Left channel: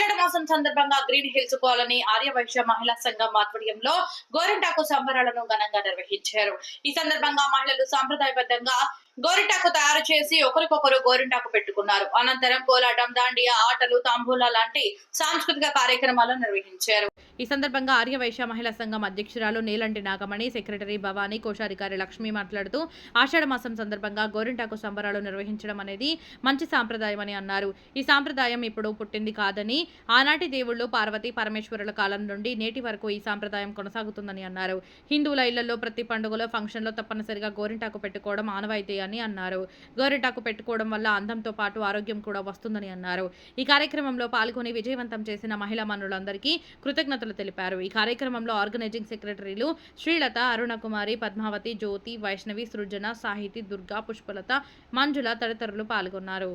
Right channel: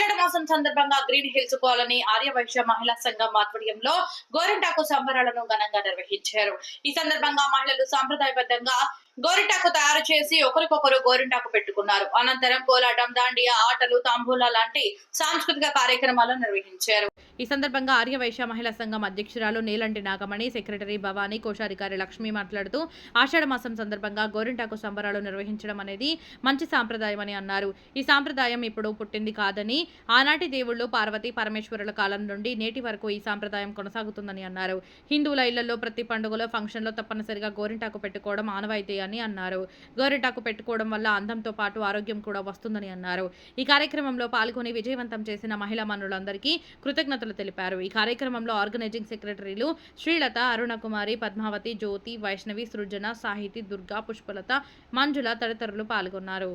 ఆషాఢ మాసం సందర్భంగా green hills colony Aryavysya మహిళా సంఘం ఆధ్వర్యంలో గోరింటాకు సంబరాలను ఘనంగా నిర్వహించారు. ఈ సందర్భంగా మహిళలు సాంప్రదాయబద్ధంగా గోరింటాకు తయారు చేసి ఒకరికొకరు గోరింటాకు పెట్టుకున్నారు. అనంతరం కోలాటం, దాండియా ఆటలు, తాంబూలా లాంటి సాంస్కృతిక కార్యక్రమాలను నిర్వహించారు. ఈ సందర్భంగా ఆర్యవైశ్య మహిళా సంఘం అధ్యక్షురాలు నీలంటి నాగమణి, సెక్రటరీ భవానీ, కోశాధికారి లక్ష్మి మాట్లాడుతూ ఆషాఢ మాసం సందర్భంగా గోరింటాకు సంబరాలు నిర్వహించడం అనేది మంచి సాంప్రదాయమని అన్నారు. ఈ సాంప్రదాయం ఇప్పుడు పుట్టింది కాదని, ఆనాటి దేవుళ్ళు పార్వతీ పరమేశ్వరుల కాలం నుండి నేటి వరకు ఈ సాంప్రదాయం కొనసాగుతుందని అన్నారు. హిందువుల ఇళ్లలో ప్రతి పండుగలో, ఫంక్షన్లో తప్పనిసరిగా గోరింటాకు పెట్టుకోవడం ఆనవాయితీ అని అన్నారు. గోరింటాకు పెట్టుకోవడం వల్ల అందంతో పాటు ఆరోగ్యం కూడా వస్తుందని అన్నారు. ఈ కార్యక్రమంలో పాల్గొని విజయవంతం చేసిన మహిళా మనులందరికీ కృతజ్ఞతలు తెలిపారు. ఈ కార్యక్రమంలో ఆర్గనైజింగ్ సెక్రటరీలు శ్రీలత, అరుణకుమారి, పద్మావతి, జ్యోతి, వైష్ణవి, సృజన, సాహితి, దుర్గా, పుష్పలత, మంజుల తదితరులు పాల్గొన్నారు.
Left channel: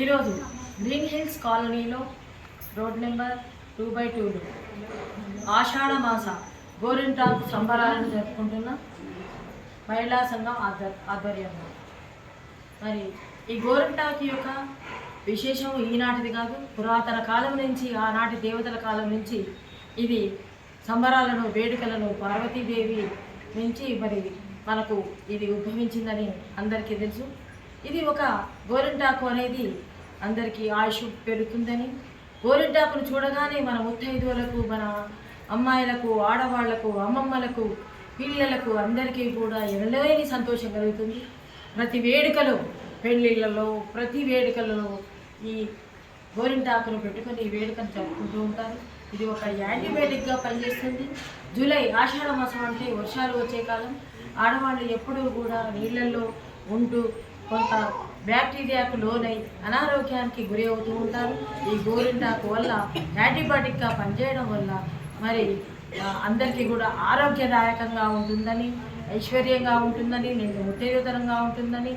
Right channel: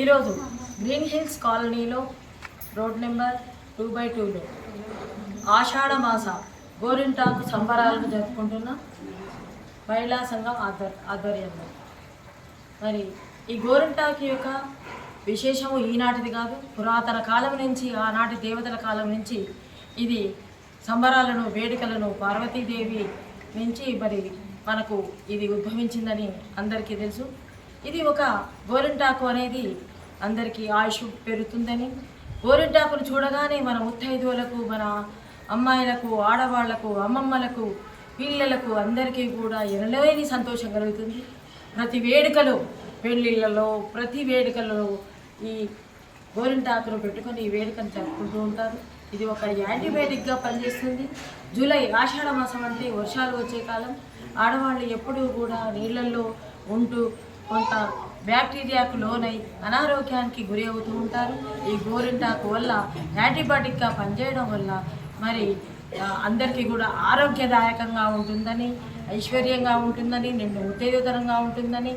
ఈరోజు గ్రీన్ హిల్స్ కాలనీలో రోడ్ నెంబర్ 2/2లో ఆషాఢ మాస గోరింటాకు సంబరాలను జరుపుకుంటున్న మహిళా సంఘం ఆధ్వర్యంలో మరి ఈ గోరింటాకు యొక్క విశేషము ఈనాటిది కాదు, పురాతన కాలం నుంచి, ఆనాటి దేవతల కాలం నుంచి ఇది సంబరాలను, వేడుకలను పార్వతీదేవి నుంచి మరి మనకు ఇది ఉద్భవించిందని అందరికీ తెలుసు. ఇది ఒక గోరింటాకు అనేది అందరికీ ఆయుష్ పెరుగుతుందని, గోరింటాకును చూడగానే మన ముత్తైదువులకు, మన అమ్మాయిలకు, ఆడవాళ్లకు, అమ్మమ్మలకు, పిల్లలకు అందరికీ కూడా ఎనలేని సంతోషం కలుగుతుంది. ప్రతి వేడుకలో, పెళ్ళిళ్ళలో, ప్రతి వేడుకలలో ఈ గోరింటాకును పెట్టుకొని ఈ వేడుకను జరుపుకుంటూ ఉంటారు. ఇది ఒక యాంటీబయాటిక్గా పనిచేస్తుంది. జూలై ఆషాఢ మాసం అంటే వర్షాలు వచ్చే కాలం. ఆడవాళ్ళు ఎప్పుడూ కూడా నీళ్ళల్లో ఉంటూ కొంత బ్యాక్టీరియాకు లోనై అనారోగ్యానికి గురి అవుతూ ఉంటారు. ఈ గోరింటాకు వల్ల యాంటీబయాటిక్గా పనిచేయడం వల్ల మరి అందరికీ కూడా ఆరోగ్యదాయకంగా ఉంటుందని, ఐశ్వర్యంగా ఉంటుందని, నిండు ఉత్తేజకరంగా ఉంటుందని,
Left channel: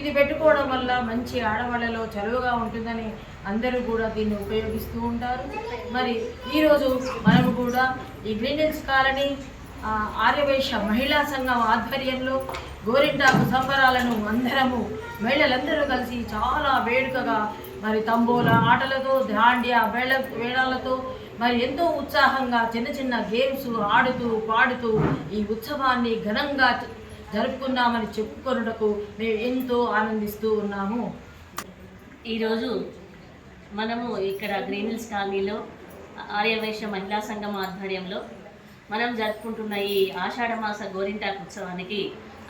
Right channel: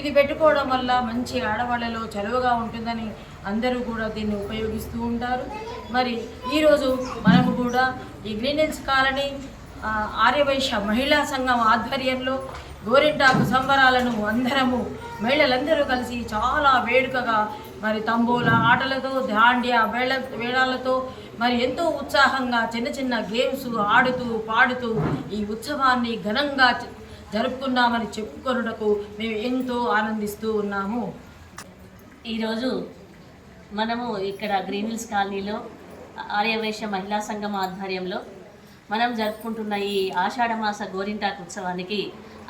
ఇది పెట్టుకోవడం వల్ల మంచి ఆడవాళ్ళలో చలువగా ఉంటుందని అందరూ కూడా దీన్ని ఉపయోగిస్తూ ఉంటారు. మరి ఈరోజు మనము కూడా ఈ గ్రీన్ హిల్స్ కాలనీ ఆర్యవైశ్య మహిళా సంఘం ఆధ్వర్యంలో గోరింటాకు సంబరాలను అందరము మహిళలందరూ కలిసి చాలా వేడుకగా మరి తంబోలా ఆటలతో, దాండియా వేళాలతో మరి ఎంతో ఉత్సాహంగా చిన్న చిన్న గేమ్స్ ఆడుతూ పాడుతూ ఈ ఉత్సవాన్ని ఘనంగా జరుపుకున్నామని చెప్పుకొనుటకు మేము ఎంతో ఆనందిస్తూ ఉన్నాము. ఈరోజు మనము ఇక్కడ గ్రీన్ హిల్స్ కాలనీలో ఆర్యవైశ్య మహిళా సంఘం ఆధ్వర్యంలో మనం జరుపుకుంటున్న ఈ ఆషాఢమాస గోరింటాకు ఉత్సవానికి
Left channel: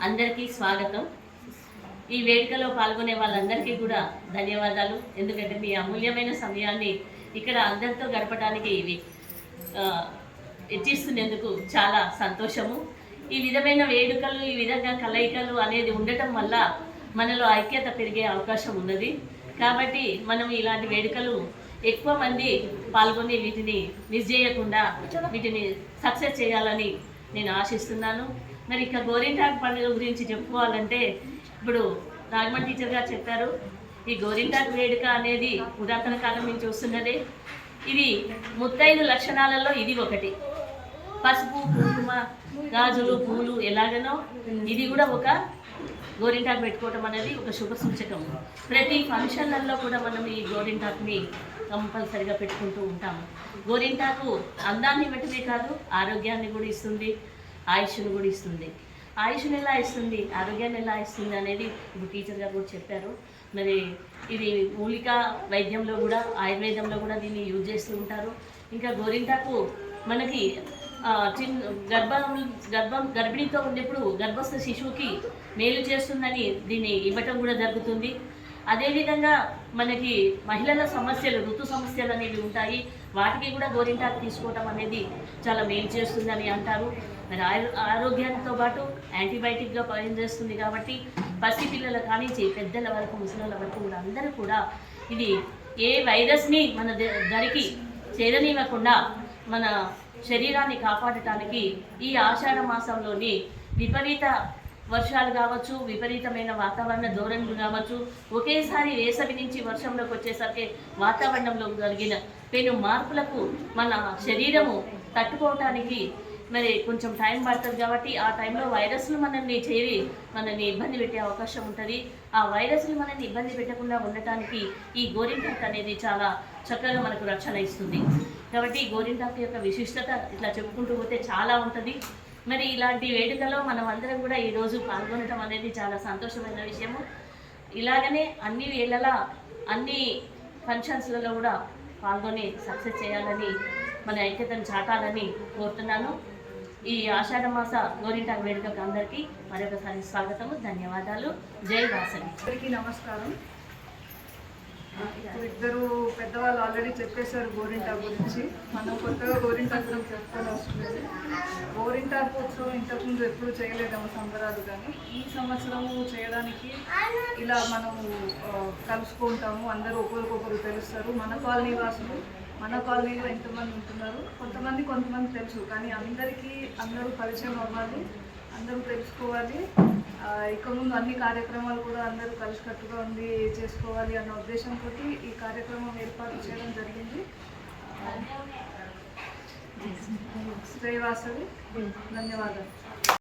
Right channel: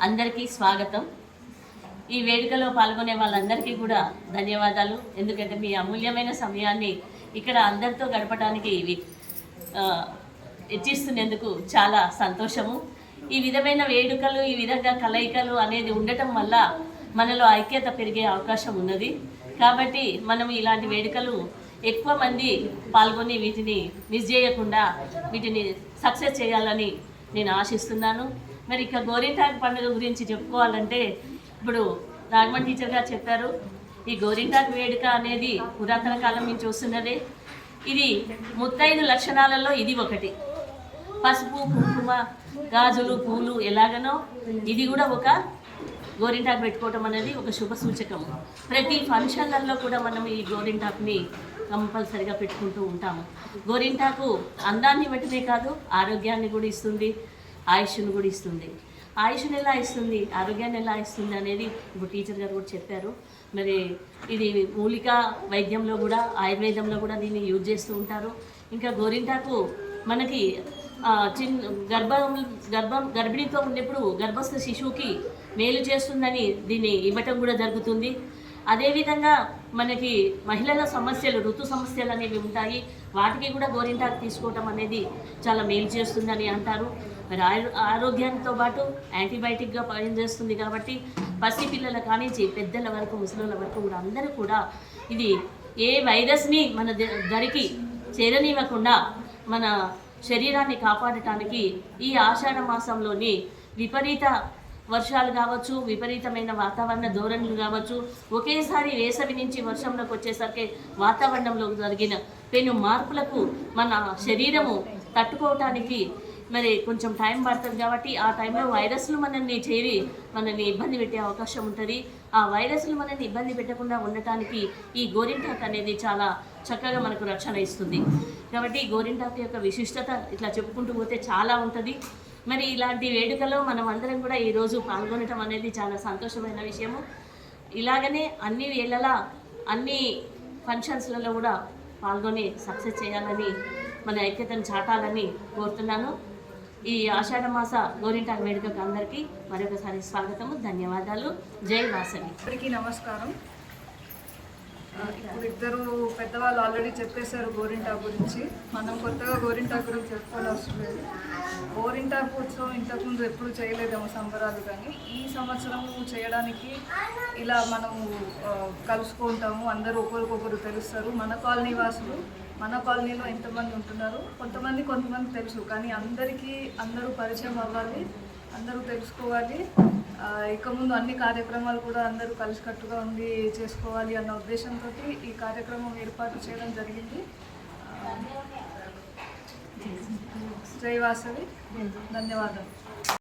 అందరికీ స్వాగతం. ఈ వేడుకలో పాల్గొనే వాళ్ళందరికీ కూడా ధన్యవాదాలు. ఎందుకంటే మీ అమూల్యమైన సమయాన్ని ఇక్కడ అందరితో గడపడానికి ఇవి ఇచ్చిస్తున్నందుకు చాలా సంతోషము. ఈ విధమైన వేడుకలు, ఈ విధంగా కలయికలు అనేది ఉండటం వల్ల మనలో ఐక్యత పెరిగే అవకాశం ఉన్నది. కాబట్టి మనం ఇలాంటి వేడుకలు ఎక్కువ మంది పాల్గొని వీటిని మిస్ చేయకుండా వీటిని సక్సెస్ చేయాలని నేను ఆశిస్తున్నాను. మరి ఇక గోరింటాకు పండుగ గురించి చెప్పుకోవాలంటే ఇప్పుడు నాగమణి టీచర్ గారు చెప్పారు. ఈ గోరింటాకు వేడుక అనేది పురాతన కాలం నుంచి వస్తున్నదే. ఇది ముత్తైదు లక్షణాలలో ఇది ఒకటి. పసుపు, కుంకుమ, గాజులు, పూలు ఎలాగనో ఇది కూడా ఒక గోరింటాకు పెట్టుకోవటం అనేది ఒక శుభ సూచకము. ప్రతి ఫంక్షన్లలో కూడా మనం ఈ గోరింటాకుని కంపల్సరిగా పెట్టుకుంటూ ఉంటాము. గోరింటాకు అందాన్ని బట్టమే కాదు, ఆరోగ్యాన్ని కూడా ఇస్తుంది, ఆయుష్ను కూడా ఇస్తుంది. ఆయుష్ను ఎలా ఇస్తుంది, ఆరోగ్యాన్ని ఎలా ఇస్తుంది అనేది ఇప్పుడు టీచర్ గారు కూడా చెప్పారు. మరి ఇది మూలిక వైద్యంలో కూడా, ఆయుర్వేదంలో కూడా దీన్ని యూజ్ చేస్తూ ఉంటారు. ఇంకా గోరింటాకు మనకి గర్భిణీతో ఉన్నప్పుడు గర్భస్థ శిశువుకి మేలు చేస్తుందని దీన్ని ఇవ్వటం కూడా జరుగుతుంది. అదేవిధంగా మనకి మహిళల సమస్యలు, ఋతు సమస్యలు అనేవి ఉంటాయి. వాటికి కూడా గోరింటాకు తీసుకోవటం అనేది చాలా మేలు చేస్తుందని అంటారు. మరి ఆరోగ్యంతో పాటు యాంటీబయాటిక్గా పనిచేస్తుంది కాబట్టి పసిపిల్లల కానించి పెద్దల వరకు, ముసలిల వరకు కూడా అందరూ కూడా ఇది ఏ వైరస్ని మన దరికి చేరనివ్వకుండా మన శరీరాన్ని కాపాడటానికి ఈ ఆషాఢ మాసంలోని విపరీత వర్షాలు కావచ్చు, విపరీతమైన వాతావరణ ధోరణులు కావచ్చు, ఒకేసారి వేసవి నుంచి వర్షంలోకి వచ్చేసరికి వాతావరణంలో జరిగిన పెను మార్పులకు మన శరీరము తట్టుకోవటానికి మరి కొంచెం టైం పడుతుంది. కాబట్టి ఆ టైంలో వైరస్లు మనల్ని చేరి మనల్ని ఇబ్బంది పెట్టే అవకాశం ఉంటుంది. ఆ వైరస్లు మనల్ని ఇబ్బంది పెట్టకుండా ఉండటానికి ఈ గోరింటాకు అనేది చాలా చక్కగా మనకు రక్షణ ఇస్తుంది. కాబట్టి ఈ గోరింటాకు యొక్క విశిష్టత ఇట్లా చెప్పుకుంటూ పోతే చాలా ఉంటుంది. మరి ఇలాంటి వేడుకలో మనం అందరం కూడా ఈరోజు పాల్గొనడం అనేది చాలా సంతోషమైన విషయము. ఇలాగనే అన్ని వేళలా అన్ని ఫంక్షన్స్లలో కూడా పాల్గొని సక్సెస్ చేయాలని, మన ఐక్యతను చాటాలని కోరుతున్నాను. ఈ ఆషాఢ మాస గోరింటాకు వేడుకకు అందరికీ మరొకసారి స్వాగతము, ధన్యవాదాలు. జై వాసవి. అందరికీ నమస్కారం. ఇప్పుడు ఇద్దరు పెద్దవాళ్ళు ఆల్రెడీ చెప్పేశారు గోరింటాకు గురించి. మనం కొత్తగా గోరింటాకు గురించి చెప్పుకోవాలి అవసరం లేదు. గోరింటాకు ఉత్సవం ఇంతకుముందు ఎప్పుడు చేయలేదేమో సంబరాలు, కానీ ఈ సంవత్సరము చేయడానికి ఇలా మనము కలుసుకుంటాము. అందరూ ఒకరికొకరు తెలుస్తారు. మన కాలనీ వాసులు, మన కాలనీలో ఎంతమంది ఉంటున్నారు, కొంతమంది తెలుసు, కానీ అందరూ పరిచయం అవ్వాలి, అందరూ తెలుసుకోవాలి. ఇక ముందు అన్ని కార్యక్రమాలు కూడా అందరూ కలిసికట్టుగా ఉండి చేసుకోవాలి అన్న ఉద్దేశంతో ఈ కార్యక్రమం ఏర్పాటు చేయడం జరిగింది. జై వాసవి. ధన్యవాదాలు.